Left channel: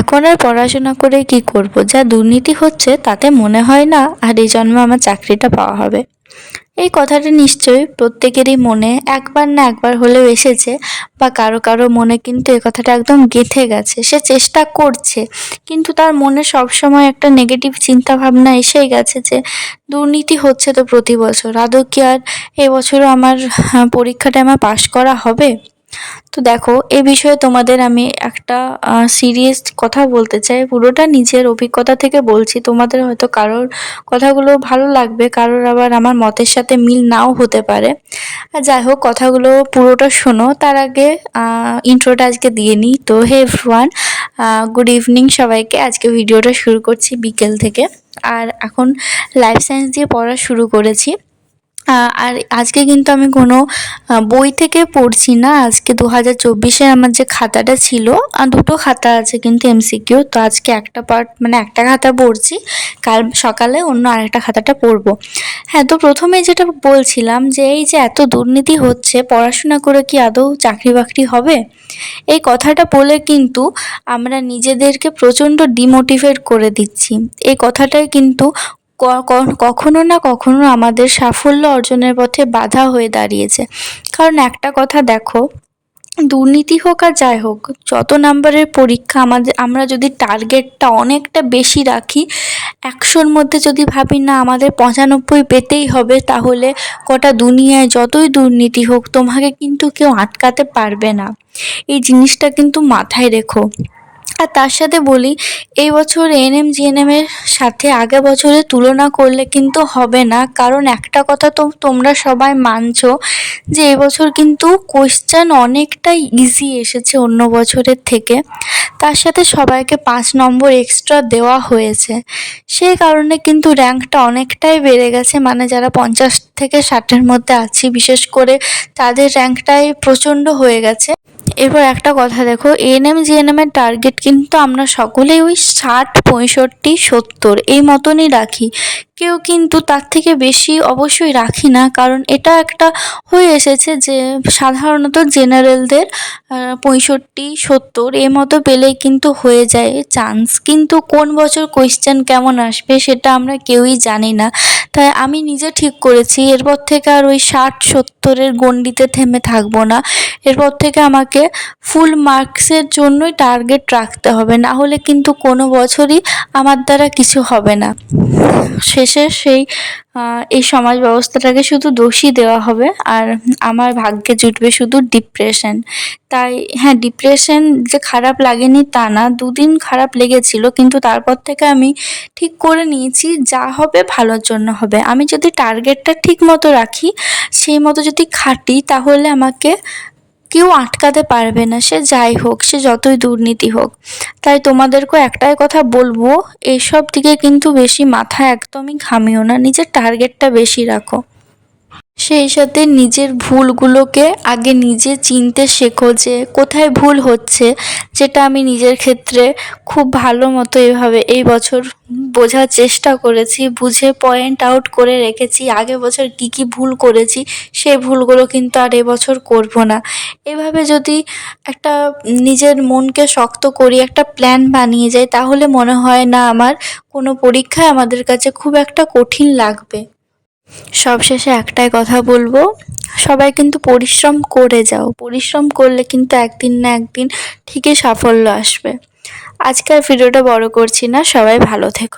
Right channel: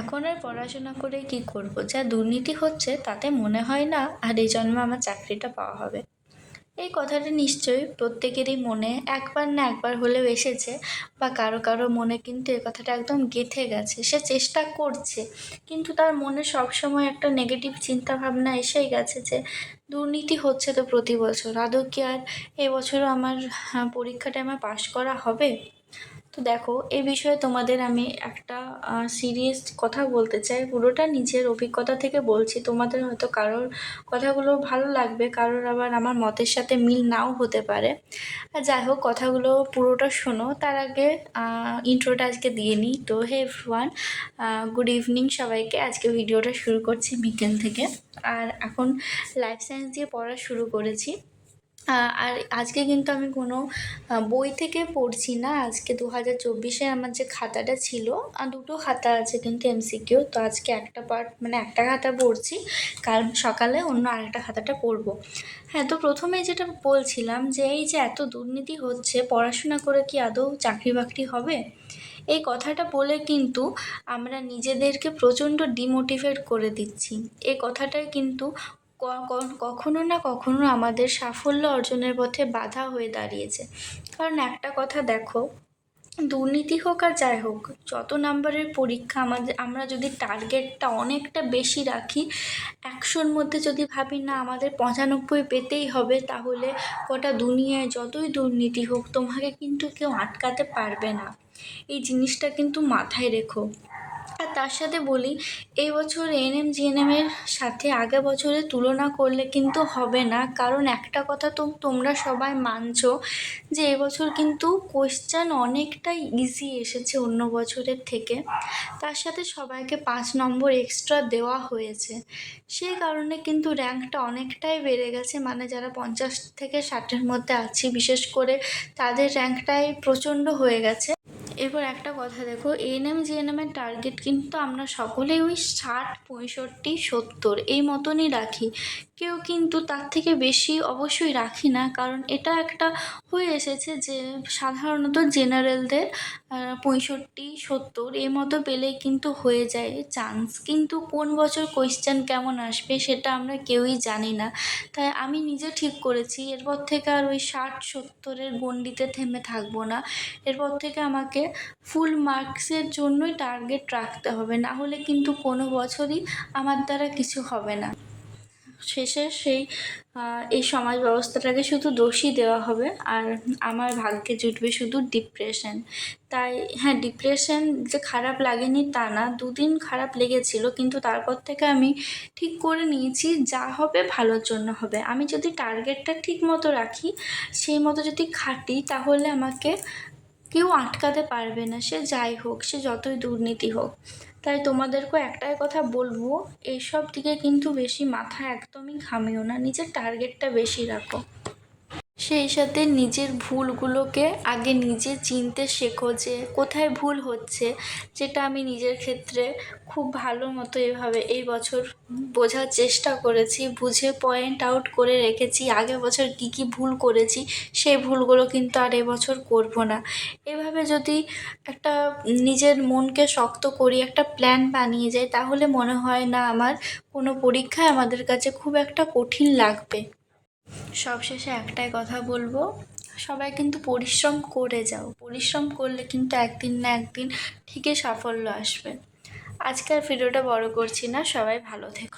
এখন আর পড়াশোনা করে কি করব, যা দুর্নীতি হচ্ছে তাতে মনে হয় না আর এই জন্মে আমার চাকরিটা পাওয়া হবে। এই কথাটা নিশ্চয়ই প্রত্যেকেরই মনে একবার না একবার হলেও এসেছে, বা কারো কারো মনে কিন্তু এই কথাটা একদম গেঁথে গেছে। সে চেষ্টা করছে, কিন্তু তার মনে সবসময় একটা নেগেটিভ চিন্তা ভাবনা এসেই গেছে যে দুর্নীতি হচ্ছে তো প্রতি বছর, আদৌ কি আর এবছরও আমার পরীক্ষাটা আমার পাশ করা হবে? তো দেখো, এ বিষয়ে তোমাদের আমি একটা সিরিয়াস কথা বলতে চাই, পুরোটা নিজের অভিজ্ঞতা থেকে বলছি। তোমাদের হয়তো কারোর কথাগুলো ভালো লাগবে, কারোর আবার আমার মতের সাথে মিল নাও হতে পারে। আর যাই হোক, কথাগুলো পুরোটা শোনো, তার আগে ইন্ট্রোটা আজকে দিয়ে নিই। তো হে এভরিওয়ান, গুড ইভিনিং সবাইকে। আজকে ভিডিওটা শুরু করছি বিকেল থেকে, আর এখন লাইফ সায়েন্স দিয়ে পড়া শুরু করেছি। আর আজকে কিন্তু আমি কোনো বই থেকে পড়ছি না। আজকে 2024-এ আমার যে খাতাটা ছিল, দুটো খাতা আছে কিন্তু এমসিকিউ, তো আজকে একটা পার্ট মানে একটা খাতা পড়ছি, কাল সকালে অন্য আরেকটা খাতাটা পড়বো। হ্যাঁ, তো প্রথমে যেটা বলছিলাম যে এই যে এত দুর্নীতি হচ্ছে, পড়াশোনা করে কি আদৌ চাকরি বাকরি হবে? এই কথাটা বলে কিন্তু আমরা নিজেদেরকে প্রচণ্ড ডিমোটিভেট করে দিচ্ছি। এই কথাটাই কিন্তু কখনো না কখনো আমাদের সাফল্য অর্জনের পথে বাধা হয়ে দাঁড়িয়েছে। কারণ একটা কথা দেখো, দুর্নীতি হোক আর যাই হোক, যত নাম্বারের পরীক্ষা আমরা যদি টার্গেটটা অনেকটা বেশি রাখি, 100-র মধ্যে যদি ভাবি না আমাদের 95 পেতেই হবে, তাহলে গোটা দুনিয়ায় যতই দুর্নীতি হোক তোমাকে কিন্তু কেউ আটকাতে পারবে না। এই জিনিসটা কিন্তু মাথায় রেখো। আর তার সাথে বলি, এই বছর এএনএম জিএনএম এর সাথে আগের বছরের তুলনা করলে কিন্তু হবে না। কারণ একটা কথা তো তোমরা সবাই মানছো যে এবছর কিন্তু কোয়েশ্চেন অনেকটাই ইজি এসেছে অন্য বছরের থেকে। তার সাথে সবাইকে 5 নম্বর এক্সট্রা দেওয়া হয়েছে। সেই কারণে কিন্তু র্যাঙ্কটা অনেকটাই বেড়ে গেছে, মানে যারা 50 থেকে 60-এর মধ্যে আছি, বিশেষ করে তাদের র্যাঙ্কটাই প্রচণ্ড হয়ে গেছে। এবার একটা কথা দেখো, এএনএম জিএনএম এর টার্গেট কিন্তু আমরা সকলেই ওই 60, 65, 70 এই মতনই রাখি। কেউ কিন্তু তার থেকে বেশি অবশ্যই রাখি না, কারণ এটা একটা হয়ে এসেছে যে সাধারণত জেনারেলদের 65, 70 এই মতো পেলেই কিন্তু হয়ে যায় চান্স। কিন্তু কোন বছর কোয়েশ্চেন কেমন আসবে সেটা আমরা কেউই জানি না। তাই আমি নিজে ঠিক করেছি এরপর থেকে আর ওই 60, 70-এর গণ্ডিতে থেমে থাকবো না। এরপর থেকে আমাকে ফুল মার্কসের জন্যই টার্গেট রাখতে হবে, না হলে কিন্তু কোনো বছরই আমার দ্বারা কিছু হবে না। শেষে এই সমাজ ব্যবস্থাটাকে শুধু দোষই দেওয়া হবে, আর আমার ভাগ্যে জুটবে শুধু ডিপ্রেশন। তাই হ্যাঁ, ডিপ্রেশন যে খারাপ লাগেনি তা না, 2 দিন খারাপ লেগেছিল, কিন্তু তারপর থেকে আমি ঠিক করে নিয়েছি যা হবে ভালোর জন্য হবে। আমি যদি টার্গেটটা ঠিক মতো রাখি, সেই মতো যদি খাটি, তাহলে আমাকে কেউ আটকাতে পারবে না, সে যাই হোক, সে যতই দুর্নীতি হোক। তাই তোমাদেরকেও একটাই কথা বলবো, এইসব দিকে কিন্তু বেশি মাথা একদমই ঘামিও না, নিজের টার্গেটটা বেশি রাখো। সেই সাথে নিজের ভুলগুলোকে আগে নিজে চিনতে শেখো যে কোথায় ভুল হচ্ছে, যেটা আমি নিজের ক্ষেত্রে খুব ভালো মতো এই বছর বোঝার চেষ্টা করেছি, বুঝে পয়েন্ট আউট করে রেখেছি আগের বছর কি কি ভুল করেছি, সেই ভুলগুলো কিন্তু আর এবছর করব না। এভাবে যদি একটা নিজের মনকে শক্ত করি, একটা প্ল্যান বানিয়ে যাই, তাহলে মনে হয় না আমার কোনো পরীক্ষায় আমাদের কাছে খুব একটা কঠিন লাগবে। সবশেষে একটাই কথা বলবো, সবাই কিন্তু পরিশ্রম করে যাও, পরিশ্রম করলে কিন্তু একদিন না একদিন ঠিকই সাফল্য আসবে। আজকের ভিডিওটা বড় করছি না, সবাই ভালো থেকো।